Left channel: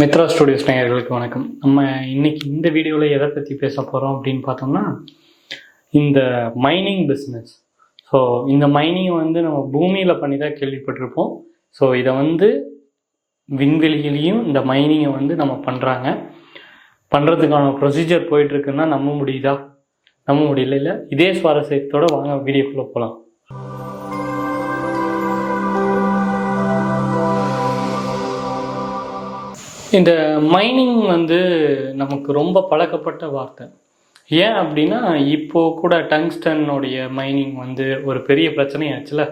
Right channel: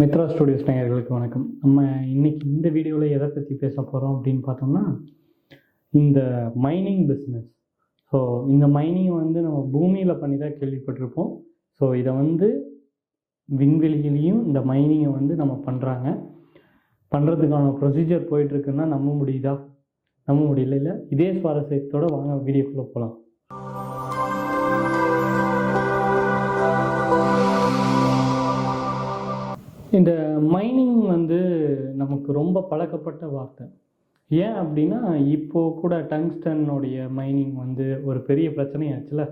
Mitra studios நேயர்களுக்கு வணக்கம். நம்ம இன்னைக்கு இந்த வீடியோவில் எதை பற்றி பேச போகிறோம் அப்படின்னு பார்த்தோம்னா இந்த மைனிங் பிஸ்னஸ் ஸோ இந்த மைனிங் வந்து நம்ம பூமியில் பண்ணி தான் கேள்விப்பட்டிருப்போம். ஸோ இதை வந்து விண்வெளியிலையும் இந்த மைனிங்கை வந்து நம்ம பண்ணுறாங்க பண்ணுறதுக்கான ப்ரொசீஜர் போயிட்டுருக்குன்னா நம்ப முடியுதா? நம்ப முடியல இல்லை இதே சுவாரஸ்யத்தோடு வாங்க வீடியோக்குள்ளே போகலாம் இந்த மைனிங் வந்து நமக்கு ரொம்ப பழக்கப்பட்ட வார்த்தை. ஏன் அப்படின்னா இப்போ கூட டங்ஸ்டனுடைய மைனிங் வந்து ஒரு பெரிய பிரச்சனையாச்சுல.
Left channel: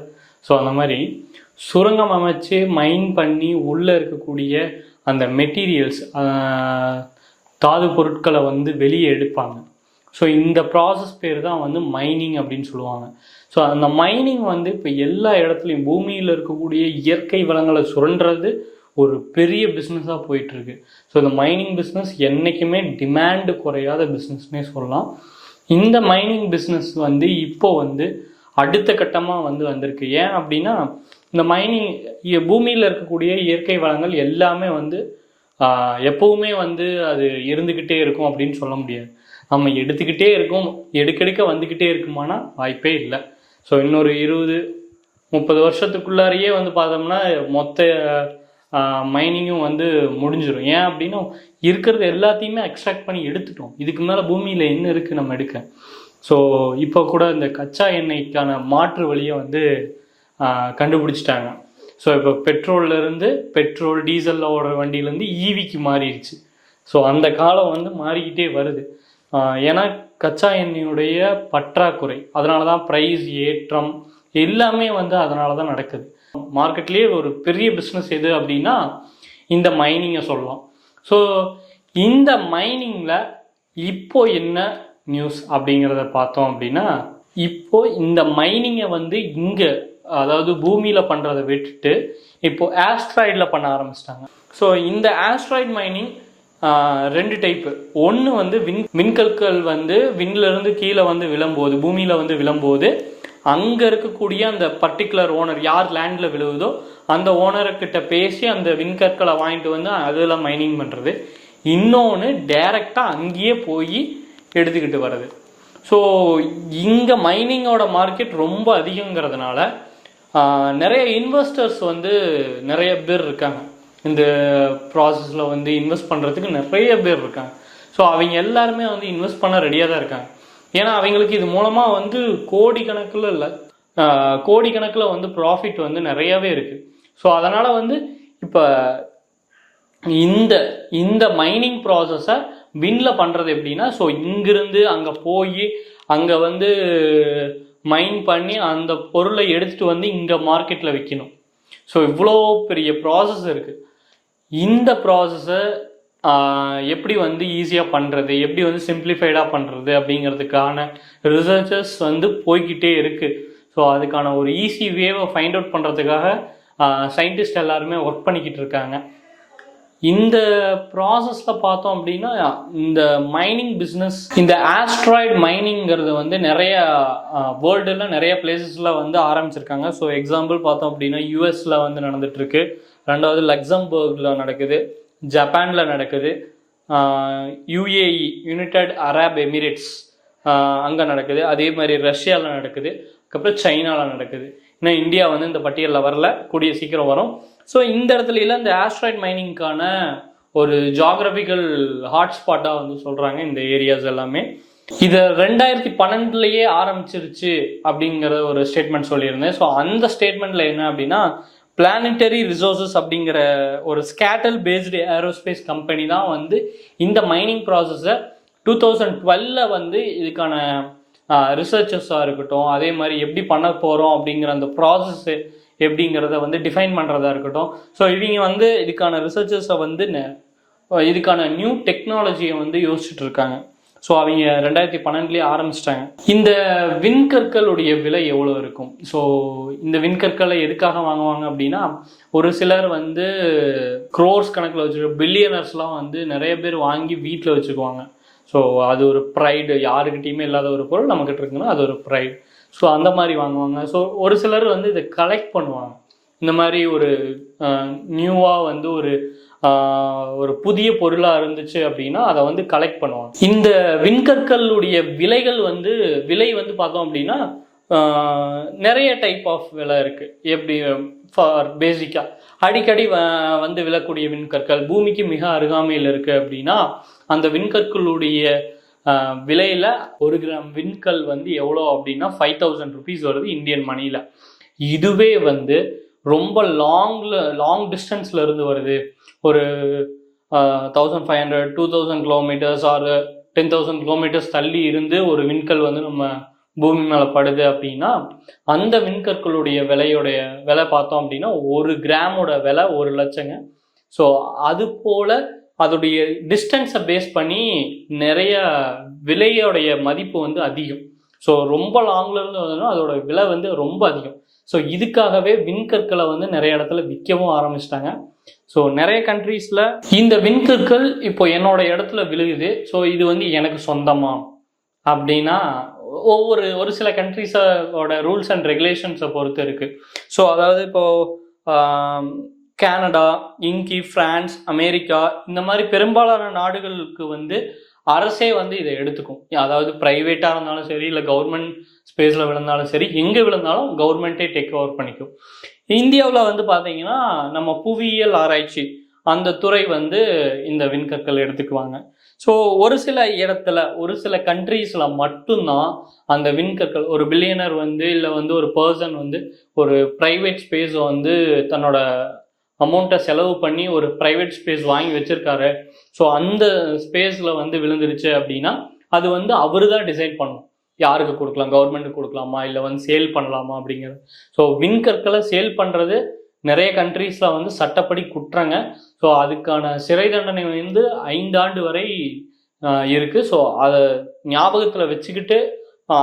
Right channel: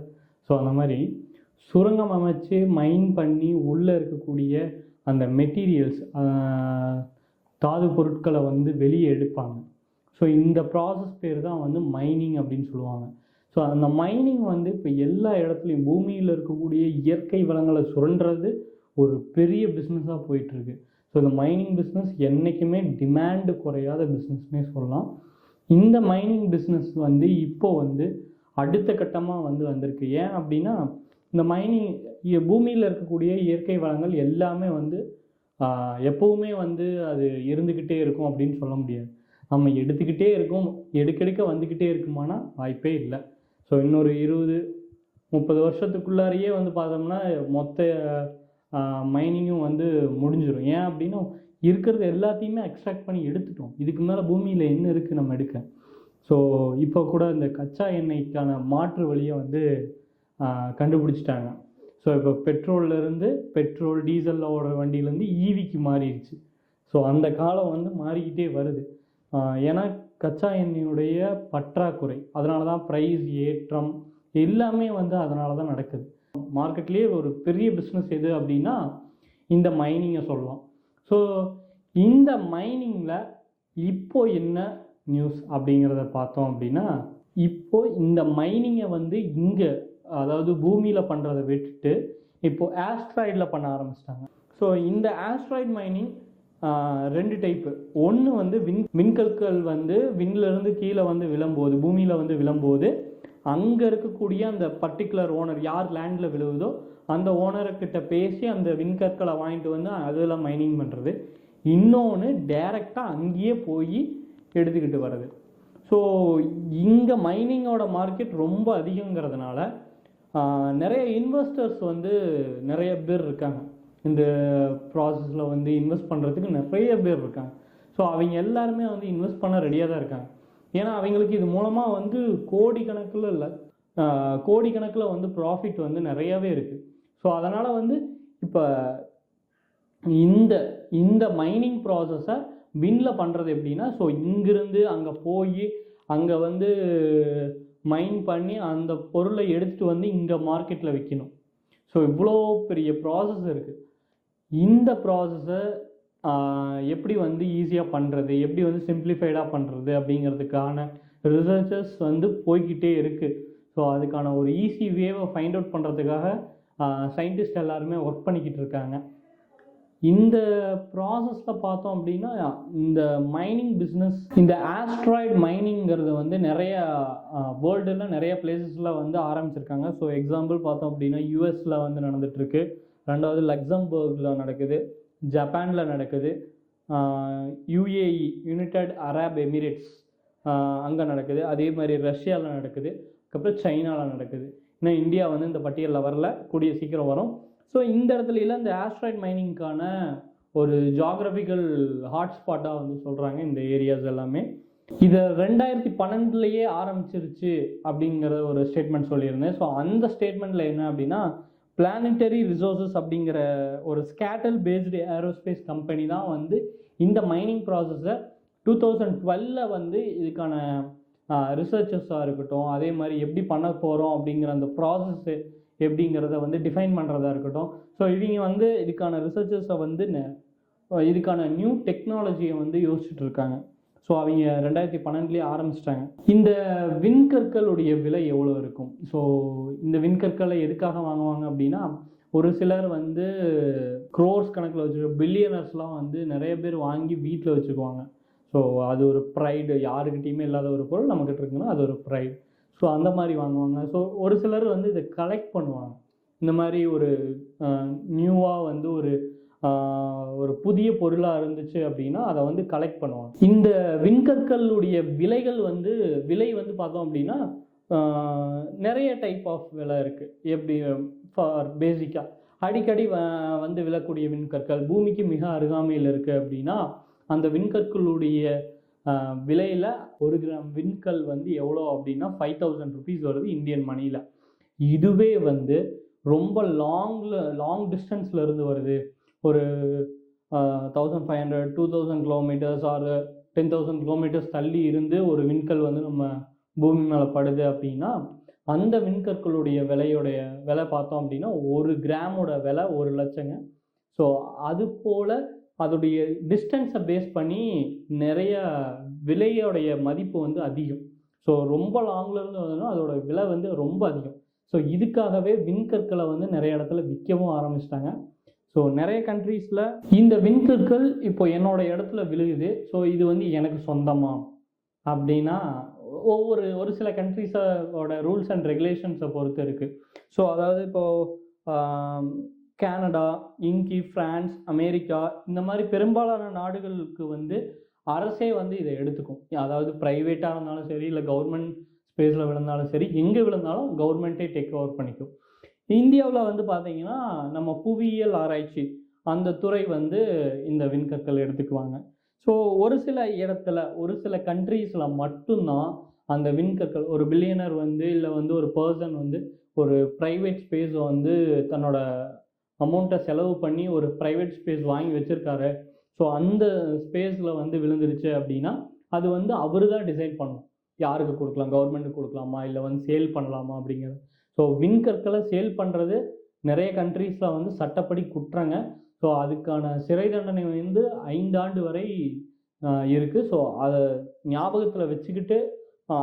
ஸோ அந்த மாதிரி சுரங்கம் அமைச்சு மைன் பண்ணி உள்ளே இருக்கக்கூடிய அந்த மெட்டீரியல்ஸ் தாது பொருட்களை வந்து வெளியே எடுப்பாங்க. ஸோ இந்த ப்ராசஸ் பேர் தான் வந்து மைனிங் அப்படின்னு சொல்லுவாங்க. ஸோ அந்த மைனிங் வந்து இப்போ எல்லா இடத்துலையும் பூமியில் இருக்கக்கூடிய இயற்கை வளங்களை சுரண்டுறது ஒரு பெரிய பிஸ்னஸாக போயிட்டுருக்கு. ஸோ இந்த மைனிங் பிஸ்னஸ் என்றைக்குமே டிமாண்டு குறையாத பிஸ்னஸ்னே சொல்லலாம். இந்த மைனிங் பிஸ்னஸ் வந்து இப்போ வந்து அடுத்த கட்டமாக வந்து வந்திருக்கு. ஏன் அப்படின்னா இந்த மைனிங் பூமியில் இருக்கக்கூடிய இயற்கை வளங்கள் எல்லாமே வந்து எப்போவுமே வந்து அது இருந்துக்கிட்டே இருக்கும் அப்படின்னு சொல்ல முடியாது. நம்ம எடுத்துக்கிட்டே இருக்கோம் எடுக்கெடுக்க வந்துக்கிட்டே இருக்குமானா வாய்ப்பே இல்லை. ஸோ இன்னொரு இருபது முப்பது வருஷத்துக்குள்ளாரையே வந்து பார்த்தோம்னா மொத்த மைனிங்கும் வந்து முடிஞ்சிடும் ஏன் அப்படின்னா இருக்கிறது எல்லாத்தையுமே எக்ஸ்ட்ராக்ட் பண்ணி எடுத்துட்டோம். இதுக்கு மேலே பூமியில் என்ன இருக்குது நம்ம எடுக்க? ஸோ இப்போ கூட இந்த கச்சா எண்ணெய்க்கான மாற்று வழியை வந்து கண்டுபிடிச்சிட்டாங்க. ஸோ இப்போ பெட்ரோல்லேருந்து பெட்ரோல் டீசலில் ஓடுற வண்டியிலேருந்து ஈவிக்கு மாறிடுச்சு ஸோ அந்த காலம் வந்து மாறிக்கிட்டே வருது. ஏன்னா கச்சா எண்ணெயுடைய பற்றாக்குறை அதனால தான் ப்ரைஸ் ஏற்றம் எல்லாமே வந்து அதனால தான் நடக்குது. மார்க்கெட்லேயே ஒரு பெரிய பிஸ்னஸ் எது அப்படின்னா இந்த மைனிங்கை சொல்லலாம். ஸோ இந்த மைனிங்கில் இப்போ என்ன நியூஸ் அப்படிங்கிறத பார்த்தோம் அப்படின்னா இப்போ இந்த மைனிங்கை வந்து இங்கே அதாவது பூமியில் பண்ணுறதை விட்டுட்டு இப்போ ஆஸ்ட்ராய்டில் பண்ண ஆரம்பிச்சிட்டாங்க. ஸோ இந்த ஆஸ்ட்ராய்டு மைனிங் ரெண்டு டைப்பு ஒன்று வந்து விண் விண்கற்கள் வந்து விண்ணிலிருந்து கீழே வந்து விழும்போது பூமியில் வந்து விழும்போது அங்கே இருக்கக்கூடிய அந்த பர்டிகுலர் ஓனர் யார் லேண்டில் விழுவுதோ அந்த ஓனர்கிட்ட பேசி அந்த விண்கற்களை வாங்கிட்டு வந்து அதில் மைனிங் பண்ணுறது இன்னொன்று டைரெக்டாக அங்கேயே போய் எடுத்துக்கிட்டு வர்றது. ஸோ இங்கே மைனிங்கோட மார்க்கெட் ரொம்ப அதிகங்கிறதுனால நிறைய இன்வெஸ்டர்ஸ் வந்து நிறைய பேர் இருக்காங்க. இந்த ப்ராசஸில் வந்து இன்வெஸ்ட் பண்ணுறதுக்கு நிறைய பேர் இருக்காங்க. ஸோ அவங்க எல்லாருமே வந்து இன்வெஸ்ட் பண்ண ரெடியாக தான் இருக்காங்க. ஏன்னா அவங்களுக்கு இது மூலமாக வந்து கோடிக்கணக்கில் இல்லை கோடிக்கணக்கில் வந்து ப்ராஃபிட் வந்து நிறையவே இருக்குது ஸோ அதனால் வந்து இப்போ இந்த இந்த மைனிங் ப்ராசஸை வின்ல பண்ணுறது எப்படின்னா ஸோ இங்கிருந்து அங்கே போய் அங்கே வந்து மைன் பண்ணி அந்த பொருளை எடுத்துகிட்டு வந்து இங்கே மார்க்கெட்டில் விற்கணும் ஸோ இவ்வளோ பெரிய ப்ராசஸ் இருக்குது இந்த ப்ராசஸை எப்படி வந்து ஈஸியாக பண்ணுறது எப்படி வந்து சிம்பிளிஃபைடாக பண்ணுறது அப்படிங்கிறதுக்கான ரிசர்ச்சஸ் வந்து போய்கிட்டே இருக்குது ஸோ அதுக்கான ஒரு ஈஸி வேவை ஃபைண்ட் அவுட் பண்ணுறதுக்காக சயின்டிஸ்ட் எல்லாருமே ஒர்க் பண்ணிக்கிட்டு இருக்காங்க. இந்த ப்ராசஸில் பார்த்தோம் அப்படின்னா இந்த மைனிங் பிஸ்னஸ் இந்த ஆஸ்ட்ராய்டு மைனிங்கிறது வந்து நிறைய வேர்ல்டில் நிறைய பிளேசஸில் வந்து ஆரம்பிச்சிருக்காங்க. ஸோ எக்ஸாம்பிள் பார்த்தோம் அப்படின்னா யூஎஸில் வந்து நடந்துட்டுருக்கு. ரெண்டாவது லக்சம்பர்கில் நடக்குது. ஜப்பானில் நடக்குது. யுஏஇ யுனைடட் அரப் எமிரேட்ஸ் அங்கே நடக்குது. அதே மாதிரி ரஷ்யாவில் நடக்குது. அதுக்கப்புறம் சைனாவில் நடக்குது. இன்னும் இந்தியா வந்து இந்த பட்டியலில் வரல. கூடிய சீக்கிரம் வரும். ஸோ இந்த இடத்துல எல்லாம் இந்த ஆஸ்ட்ராய்ட் மைனிங்க்கான ஒரு ஜாகிரபிக்கல் ஹாட்ஸ்பாட்டாக வந்து சொல்கிறாங்க இந்த ஏரியாஸ் எல்லாமே. இதை ரெண்டாயிரத்தி பன்னெண்டுலேயே ஆரம்பிச்சிருச்சு அப்படிங்கிற ஒரு ஸ்டேட்மெண்ட் சொல்லியிருந்தேன். ஸோ அந்த ஸ்டேட்மெண்ட்டில் என்ன அப்படின்னா பிளானட்டரி ரிசோர்சஸ் அப்படிங்கிற ஒரு ஸ்கேட்டல் பேஸ்டு ஏரோஸ்பேஸ் கம்பெனி தான் வந்து இந்த மைனிங் ப்ராசஸை டூ தௌசண்ட் டுவெல்ல வந்து இதுக்கான ரிசர்ச்சஸாக இருக்கட்டும் அதே மாதிரி எப்படி பண்ண போகிறோம் அப்படிங்கிற அந்த ப்ராசஸ்ஸு எப்படிங்கிறத வந்து டிஃபைன் பண்ணுறதா இருக்கட்டும். ஸோ இவங்க வந்து இதுக்கான ரிசர்ச்சஸை வந்து நெ- இதுக்கான நியூ டெக்னாலஜியை வந்து யோசிச்சுட்டு இருக்காங்க. ஸோ அவங்க ரெண்டாயிரத்தி பன்னெண்டுலேயே ஆரம்பிச்சிட்டாங்க. இந்த விண்கற்களுடைய விலை எவ்வளோ இருக்கும்? ஸோ இந்த விண்கற்களை எதுக்காக வாங்குவாங்க அப்படின்னா ஒரு சிலர் வந்து க்ரோர்ஸ் கணக்கில் வச்சுருக்க பில்லியனர்ஸ்லாம் வந்து நிறைய பேர் வாங்கி வீட்டில் வச்சுக்குவாங்க. ஸோ அது ஒரு ப்ரைடு யாருக்கிட்டேயுமே இல்லாத ஒரு பொருள் நம்மக்கிட்ட இருக்குன்னா அது ஒரு ப்ரைடு ஸோ அந்த மாதிரி வாங்குவாங்க. ஸோ ஒரு சிலர் வந்து இதை கலெக்ட் பண்ணுவாங்க. இந்த மாதிரி ஒரு நியூவாக வந்து ஒரு ஒரு புதிய பொருளாக இருந்துச்சு அப்படின்னா அதை வந்து கலெக்ட் பண்ணுவாங்க. இந்த விண்கற்களுடைய விலைகள் வந்து விலை வந்து பார்த்தோம் அப்படின்னா நிறைய டைப் ஆஃப் விலை இருக்குது எப்படி ஃபார் பேசிக்காக அடிக்கடி வ- வந்து விழக்கூடிய விண்கற்கள் பூமிக்கு மிக அருகாமையில் இருக்குது அப்படின்னா அந்த விண்கற்களுடைய விலையில் ஒரு கிராம் விண்கல் வந்து எவ்வளோ அப்படின்னா ஃபைவ் தௌசண்ட் ருபீஸ் வருது இந்தியன் மணியில் இதுவே வந்து ரொம்ப லாங்கில் லாங் டிஸ்டன்ஸில் இருந்து வருது. ஒரு thousand five hundred two thousand kilometres or ten thousand kilometres தள்ளி இருந்து ஒரு விண்கல் வந்து நம்ம பூமி மேலே படுது அப்படின்னா அந்த விண்கற்களுடைய விலையுடைய விலை பார்த்தோம் அப்படின்னா ஒரு கிராமோட விலை ஒரு லட்சங்க. ஸோ அது போல் அதோடைய டிஸ்டன்ஸை பேஸ் பண்ணி நிறைய விலையோடைய மதிப்பு வந்து அதிகம். ஸோ ரொம்ப லாங்கில் இருந்து வந்ததுன்னா அதோட விலை வந்து ரொம்ப அதிகம். ஸோ இதுக்காகவே விண்கற்களை வந்து நிறைய இடத்துல விற்கவும் ஆரம்பிச்சிட்டாங்க. ஸோ நிறைய கண்ட்ரீஸில் இந்த விண்கற்கள் இப்போ என்னோட இடத்துல விழுகுது. ஸோ இது வந்து எனக்கு சொந்தமா? அப்படின்னா ஒவ்வொரு ஒரு சில கண்ட்ரீஸோட ரூல்ஸ் அண்ட் ரெகுலேஷன்ஸை பொறுத்து இருக்குது ஸோ அதாவது இப்போது கேனடா இங்கி பிரான்ஸ் அமெரிக்கா இந்த மாதிரி பெரும்பாலான நாடுகளுக்கு வந்து அரசே வந்து இதை எடுத்துக்கும். அதாவது ப்ரைவேட்டாக இருந்தாலும் சரி இல்லை கவர்மெண்ட் ஸ்பேஸில் விழுந்தாலும் சரி எங்கே விழுந்தாலும் கவர்மெண்ட்டே டேக் ஓவர் பண்ணிக்கும். இந்தியாவில் வந்து பார்த்தீங்கன்னா நம்ம புவியியல் ஆராய்ச்சி அந்த துறை வந்து இந்த விண்கற்கள் எடுத்துக்குவாங்க. ஸோ ஒரு சில இடத்துல ஒரு சில கண்ட்ரீஸில் மட்டும்தான் அந்த விண்கற்கள் ஒரு பில்லியனர் வந்து இல்லை வந்து ஒரு பர்சன் வந்து ஒரு ப்ரைவேட் ஸ்பேஸை வந்து தன்னோட அமௌண்ட்டை செலவு பண்ணி ஒரு ப்ரைவேட் ஸ்பேஸ் வாங்கி வச்சுருக்காரு. ஸோ அந்த ஸ்பேஸில் வந்து விழுந்துருச்சு அப்படின்னா அது வந்து அவர் தான் டிசைட் பண்ணும். யாருக்கு கொடுக்கலாம்? கவர்மெண்ட்டுக்கு கொடுக்கலாமா? இல்லை வந்து சேல் பண்ணலாமா அப்படிங்கிறது. ஸோ விண்கற்களை சேல் பண்ணுறது நிறைய கண்ட்ரீஸில் வந்து சட்டப்படி குற்றங்க. ஸோ அதுக்கான சிறை தண்டனை வந்து ஐந்தாண்டு வரை இருக்குது ஸோ அதை ஞாபகத்தில் வச்சுக்கிட்டு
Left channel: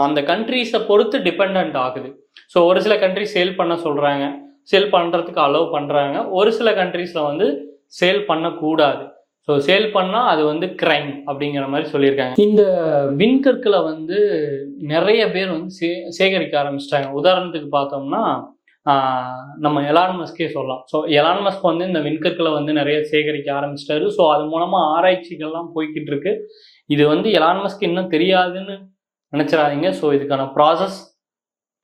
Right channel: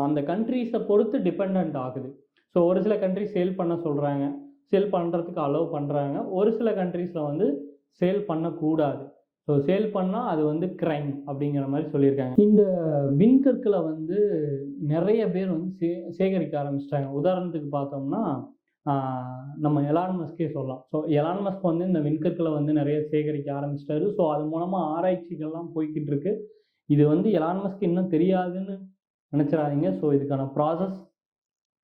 அந்த கண்ட்ரீஸை பொறுத்து டிபெண்ட் ஆகுது. ஸோ ஒரு சில கண்ட்ரிஸ் சேல் பண்ண சொல்கிறாங்க சேல் பண்ணுறதுக்கு அலோவ் பண்ணுறாங்க ஒரு சில கண்ட்ரீஸில் வந்து சேல் பண்ணக்கூடாது. ஸோ சேல் பண்ணால் அது வந்து கிரைம் அப்படிங்கிற மாதிரி சொல்லியிருக்காங்க. இந்த விண்கற்களை வந்து நிறைய பேர் வந்து சே சேகரிக்க ஆரம்பிச்சிட்டாங்க. உதாரணத்துக்கு பார்த்தோம்னா நம்ம எலான் மஸ்கே சொல்லலாம். ஸோ எலான் மஸ்க் வந்து இந்த விண்கற்களை வந்து நிறைய சேகரிக்க ஆரம்பிச்சிட்டாரு. ஸோ அது மூலமாக ஆராய்ச்சிகள்லாம் போய்கிட்டு இருக்கு. இது வந்து எலான் மஸ்க் இன்னும் தெரியாதுன்னு நினச்சிடாதீங்க. ஸோ இதுக்கான ப்ராசஸ்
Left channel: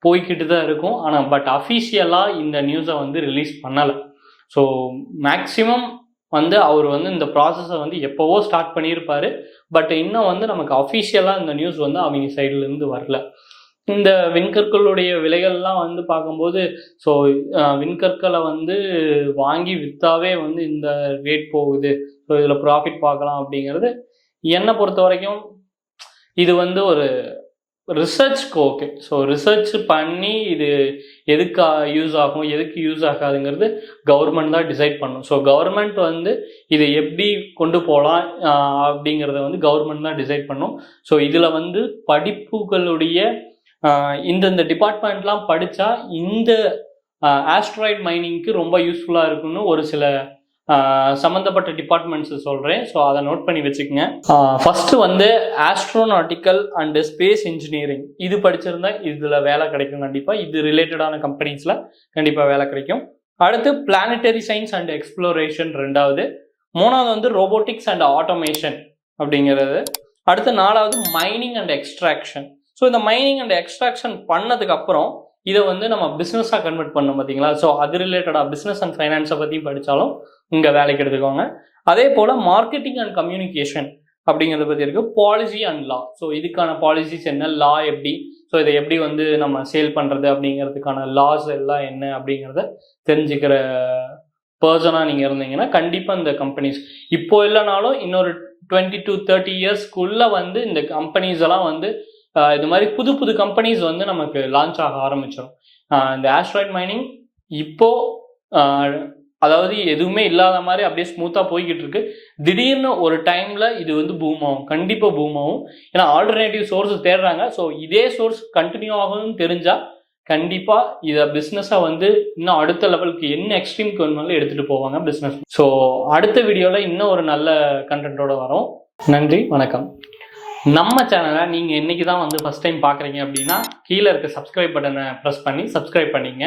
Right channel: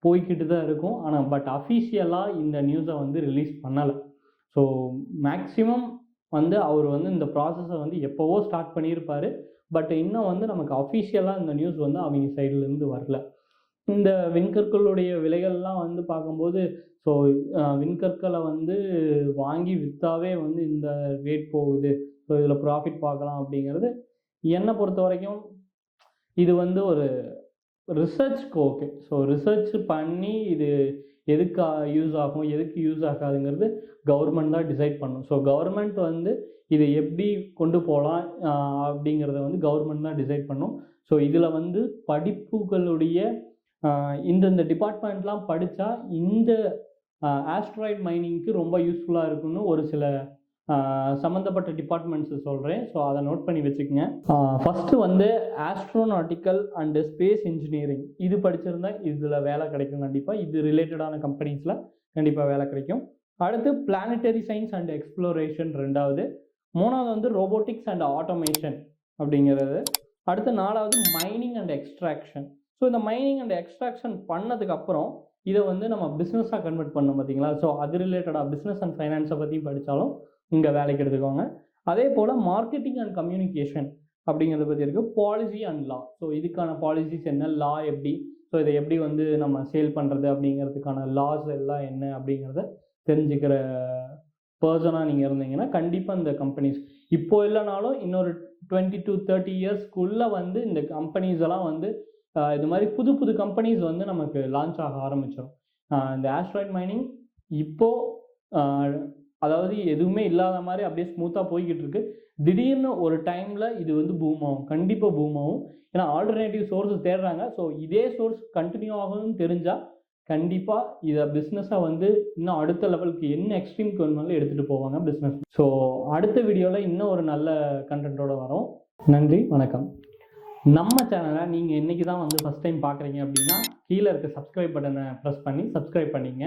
போய்கிட்டு தான் இருக்கும். ஆனால் பட் அஃபீஷியலாக இந்த நியூஸை வந்து ரிலீஸ் பண்ணலை. ஸோ மேக்ஸிமம் வந்து அவர் வந்து இந்த ப்ராசஸை வந்து எப்போவோ ஸ்டார்ட் பண்ணியிருப்பார். பட் இன்னும் வந்து நமக்கு அஃபீஷியலாக இந்த நியூஸ் வந்து அவங்க சைட்லேருந்து வரல. இந்த விண்கற்களுடைய விலைகள்லாம் வந்து பார்க்கும்போது ஸோ விண்கற்களை வந்து வாங்கி விற்றாவே வந்து இந்த ரேட் போகுது. ஸோ இதில் ப்ராஃபிட் பார்க்கலாம் அப்படிங்கிறது என்னை பொறுத்த வரைக்கும் இது வந்து ஒரு ரிசர்ச்க்கு ஓகே ஸோ ரிசர்ச் பண்ணி இது எதுக்கு யூஸ் ஆகும் எதுக்கு யூஸ் ஆகாதுங்கிறது கவர்மெண்ட் தான் டிசைட் பண்ணும். ஸோ கவர்மெண்ட் வந்து இதை எப்படி கொண்டு போகலாம் அப்படிங்கிறத வந்து கவர்மெண்ட் தான் டிசைட் பண்ணும். ஸோ இதில் வந்து படிப்புகளுடைய இந்தந்த டிபார்ட்மெண்ட்லாம் படித்தா இந்த ஆஸ்ட்ராய்ட் மைனிங்க்கு ரொம்ப யூஸ்ஃபுல்லாக இருக்குன்னு ஒரு சில சம்மந்தப்பட்ட டிபார்ட்மெண்ட்ஸ் சொல்கிறேன் ஸோ அதை நோட் பண்ணி வச்சுக்கோங்க. ஃபஸ்ட்டு வந்து ஆஸ்ட்ரோநாட்டிக்கல் அண்டு ஸ்பேஸ் இன்ஜினியரிங் இது படிச்சிருந்தா இதில் வேலை கிடைக்கும் கண்டிப்பாக இது ரிலேட்டடான கம்பெனிஸில் கண்டிப்பாக வேலை கிடைக்கும். அடுத்து பிளானட்டரி சயின்ஸ் அண்ட் எக்ஸ்ப்ளோரேஷன் ரெண்டாவது. மூணாவது வந்து ரோபோட்டிக்ஸ் அண்ட் ஆட்டோமேஷன் அப்படிங்கிறது. அடுத்து நாலாவது மைனிங் அண்ட் எக்ஸ்ட்ராக்ஷன் ஸோ இந்த மைனிங் அண்ட் எக்ஸ்ட்ராக்ஷன் பண்ணதுக்கு அப்புறம் இதை வந்து நம்ம பிஸ்னஸாக கன்வெர்ட் பண்ணோம் பார்த்தீங்களா ஸோ அது ரிலேட்டடாக பிஸ்னஸ் அண்ட் ஃபைனான்ஸை பற்றியும் படித்தாலும் இங்கே வேலைக்கு எடுத்துக்கோங்க. அதே போல் மார்க்கெட்டிங் அண்ட் கம்யூனிகேஷன் அப்படிங்கிறத பற்றி இருக்குது பாலிசி அண்ட் லா ஸோ இதுக்கான பாலிசிஸ் என்ன? லா எப்படி? ஸோ இதை எப்படி வந்து நம்ம சேல் பண்ணுறது அப்படிங்கிறதுக்கான லாஸ் எல்லாம் என்ன அப்படிங்கிறத தெரிஞ்சுக்கிற பர்சனாக நீங்கள் இருந்தீங்கன்னா கண்டிப்பாக இந்த கம்பெனிஸ் இப்போ இல்லைனாலும் இன்னொரு டுவெண்ட்டி டு தேர்ட்டி இயர்ஸ்க்குள்ளே வந்து இந்த கம்பெனிஸ் எல்லாம் வந்து இது மாதிரி புது புது கம்பெனிஸ் வந்து நமக்கு லான்ச் ஆக ஆரம்பிச்சிடும் இந்த ஆஸ்ட்ராய்ட் மைனிங் இப்போது அதாவது எதுவுமே இல்லாத மாதிரி அப்படியே ஸ்மூத்தாக போய்கிட்டு இருக்கு. திடீர்னு ஒரு டைமில் இது வந்து பூம் ஆகும். கண்டிப்பாக பூம் ஆகும். ஏன்னா ஆல்டர்னேட்டிவ் சோர்ஸ் தேடுறாங்க. ஸோ இதே சோர்ஸ் கண்டினியூ ஆகும்னு தெரிஞ்சால் கண்டிப்பாக இதை பிஸ்னஸாக வந்து இன்னும் அடுத்த லெவலுக்கு என்ன எக்ஸ்ட்ரீம்க்கு வேணுமாலும் எடுத்துகிட்டு போவாங்க பிஸ்னஸ் ஸோ அடுத்த வீடியோவில் இன்னும் ஒரு நல்ல கண்டென்ட்டோட வரும். நன்றி வணக்கம். நம்ம சேனலை நீங்கள் இன்றைக்கி தான் வந்து ஃபஸ்ட் டைம் பார்க்குறீங்க அப்படின்னா கீழே இருக்க சப்ஸ்கிரைப் பட்டனை ப்ரெஸ் பண்ணி சப்ஸ்கிரைப் பண்ணிங்க.